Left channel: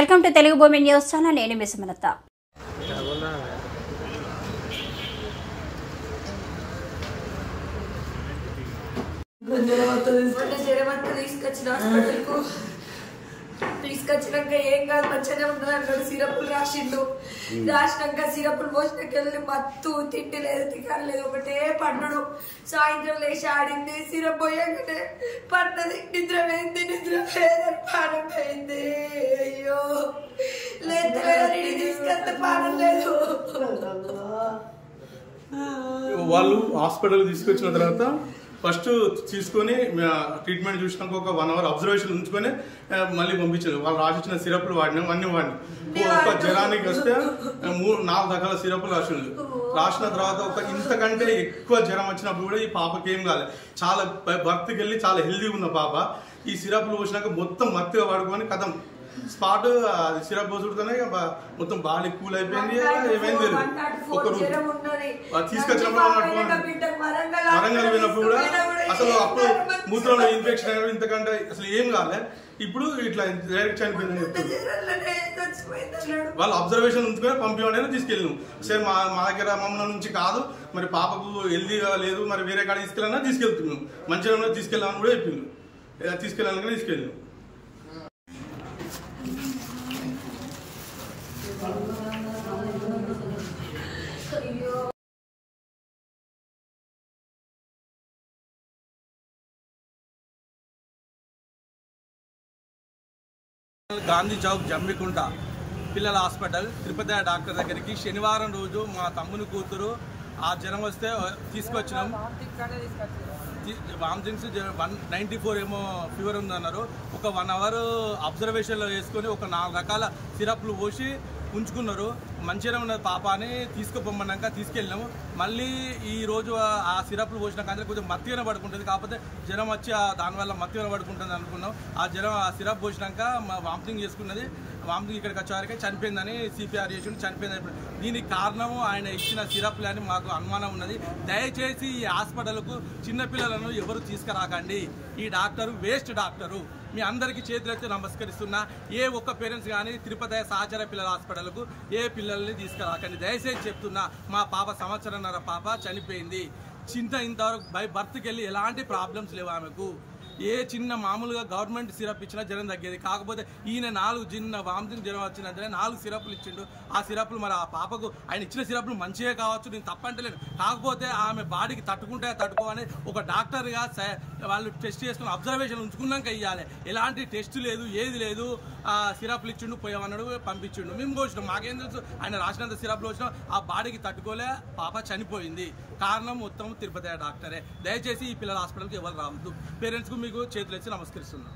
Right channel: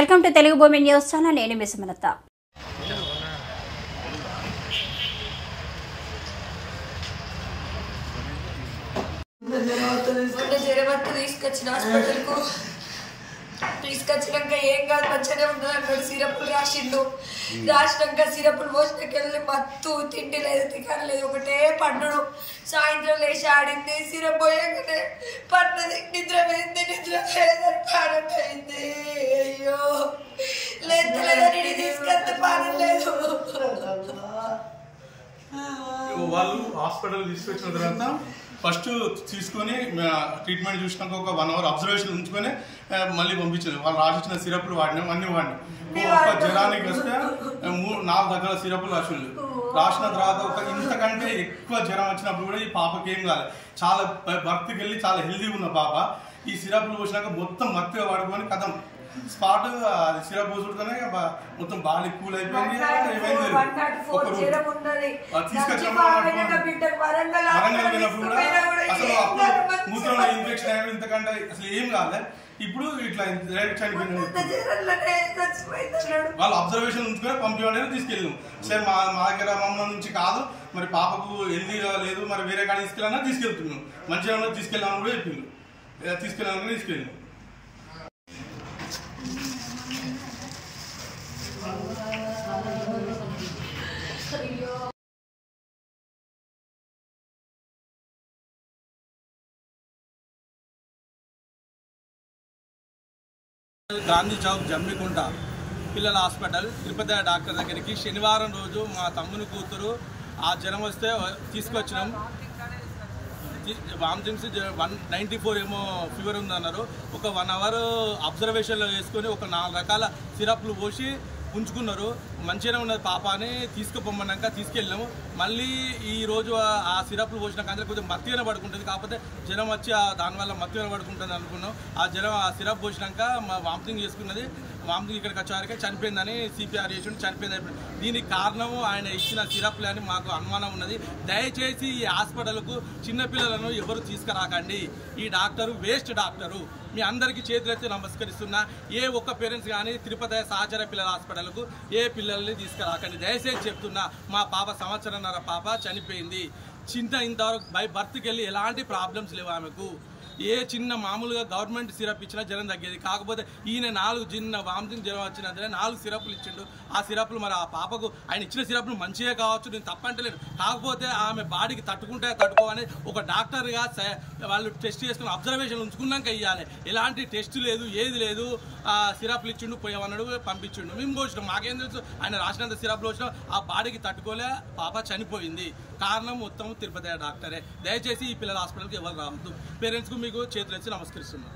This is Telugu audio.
వెల్కమ్ టు తెలుగు భూమి న్యూస్ ఛానల్. నేను మీ సుమలత. తీసుకొచ్చినాక ఏం కాదు మంచిగానే ఉన్నది అన్నాడు. సిరపులు రాసిండు. రాసినాక సిరపులు పోసినాకెళ్ళి మత్తు తిండి లేదు తికారు లేదు ఒకటే పండుడు. సాయంత్రం లేచి ఆడింది. సిరప్ పోయాకనే పన్నది. నిద్ర పోయింది. నిద్ర లేదని పానం పోయింది. అయ్యో లేదని తీసుకొస్తే పానం లేదు. వాళ్ళు హాస్పిటల్ తీసుకొచ్చిన తర్వాత ఫస్ట్ తీసుకొని ట్రీట్మెంట్ చూసినాక ఒక 1 అవర్ అబ్జర్వేషన్ ఉంచుకొని మళ్ళీ పంపించారు. వాళ్ళు రాసిచ్చిన సిరప్లు వాడినాం, అన్నీ వాడినాం. ఒక జ్వరానికి వస్తే 4 రకాల సిరప్లు రాసిన తర్వాత ఒక ఇంతకంటే ఎక్కువ జ్వరం వచ్చినప్పుడు కూడా ఈ పాపకి ఏం కాలేదు. చాలా బర్త్కి వెళ్ళి చాలా హెల్దీగా ఉన్న పాప ఈ సిరప్లు పోసినాక మొత్తం మత్తుగా వాడుకొని కథం స్పాట్ అది సిరప్ పోసుడుతోనే మొత్తం బాడీ కూల్ అయిపోయింది. ఏమైంది ఒక రోజు తీసుకొచ్చినప్పుడు వరంగల్ పోయినప్పుడు కూడా అసలు అప్పుడు మూత్రంలో ఇన్ఫెక్షన్ అయినా ఇంతకంటే అసలు ఏం కాలే. ఇప్పుడు ఇట్లా డైరెక్ట్ చనిపోయిందని చెప్తుంది. వాళ్ళు అబ్జర్వేషన్ ఉంచుకొని పంపించడానికి తీసుకెళ్ళాము. సరే మా దగ్గర మమ్మల్ని నుంచి కాదు మరి పాపకు హెల్దీగా లేదు మరి వేరే కాడ తీసుకెళ్ళాలన్నా తీసుకెళ్తున్నాం. మంచిగా తీసుకెళ్ళామని కూడా చెప్పిండు. తీసుకెళ్ళాలని తీసుకెళ్ళాం. గాంధీ చౌక్ జమ్మికుంట పిల్లల హాస్పిటల్ తిరుపతి డాక్టర్ దగ్గరికి శనివారం రోజు మా తమ్ముని కూతురు ఆ జ్వరం వస్తే తీసుకొచ్చినాం. వామిటింగ్స్ 194 ఏమో ఫీవర్ ఉందన్నారు. ఒక 1 అవర్ అబ్జర్వేషన్లో వేసుకొని ఒక 4 రకాల సిరప్లు పోసి ఉంచుకున్నారు. మంచిగానే ఉన్నది పాప అని తీసుకుపోమన్నాక తీసుకెళ్ళినాము. మళ్ళీ ఈరోజు ఆ సిరప్లు పోసిన కానీ కొంచెం మత్తుగానే పడుకుంటుంది. కాకపోతే జ్వరం వచ్చి దానివల్ల మత్తుగానే పడుకుంటుంది అనుకున్నాం. ఆ జ్వరం ఆ సిరప్ పోసినాక వామిటింగ్ చేసుకున్నది. వామిటింగ్ ఇక్కడికి వచ్చేవారికి చనిపోయిందని సిపిఆర్ చేసి చనిపోయింది. దీనికి కారణము ఆయన ఇచ్చిన సిరప్లు అని మాకు అనుమానం ఉన్నది. దయచేసి ఈ హాస్పిటల్కు చిన్నపిల్లలను ఎవరు తీసుకురాకండి. ఈ డాక్టరు వేస్ట్ డాక్టరు. మీ అందరికీ చేతులెత్తి నమస్కరిస్తున్నా. ఏ ఒక్క పేరెంట్స్ కానీ తిరుపతి సహచర పిల్లల హాస్పిటల్కు ఏ పిల్లల్ని తీసుకురాకండి దయచేసి చెప్తున్నా. మా పాప 1.5 సంవత్సరాల పాప చనిపోయింది. ఇంతవరకు బై బర్త్కి వెళ్ళి ఎలాంటి ప్రాబ్లమ్స్ లేవు ఆమెకు. ఏ చిన్న మామూలుగా గవర్నమెంట్ సిరప్ ఇచ్చినా జ్వరం తగ్గేది. కాకపోతే ఈయన 4 చిన్న వామిటింగ్ జ్వరం వచ్చినందునే 4 సిరప్లు ఇచ్చిండు. ఆ సిరప్లు మరి ఆ పాపకు ఆయన ఇచ్చిన సిరప్లు మంచిగా కావచ్చు, నేను తప్పంటలేను. కాకపోతే ఆమె బాడీకి తట్టుకోవాలని ఒక డాక్టర్గా వాళ్ళు టెస్ట్ చేసుకుని అబ్జర్వేషన్ ఉంచుకున్నాక ఇవ్వాలి. ఎలాంటి టెస్ట్ లేదు, ఏది లేదు. సిరప్లు ఇచ్చిండు, పోయామన్నాడు, పంపించిండు. మేము పోసినాం. మాకేం తెలుసు ఆయన రాసినంత సిరప్లు వచ్చినాం. ఆ బాడీకి తట్టుకోలే పాప చనిపోయింది. కారణం మొత్తం తిరుపతి డాక్టరే. దయచేసి ఈ పిల్లల హాస్పిటల్కి ఎవరు రావద్దు. పేరెంట్స్కు మీకు చేతులు ఎత్తి నమస్కరిస్తున్నాం.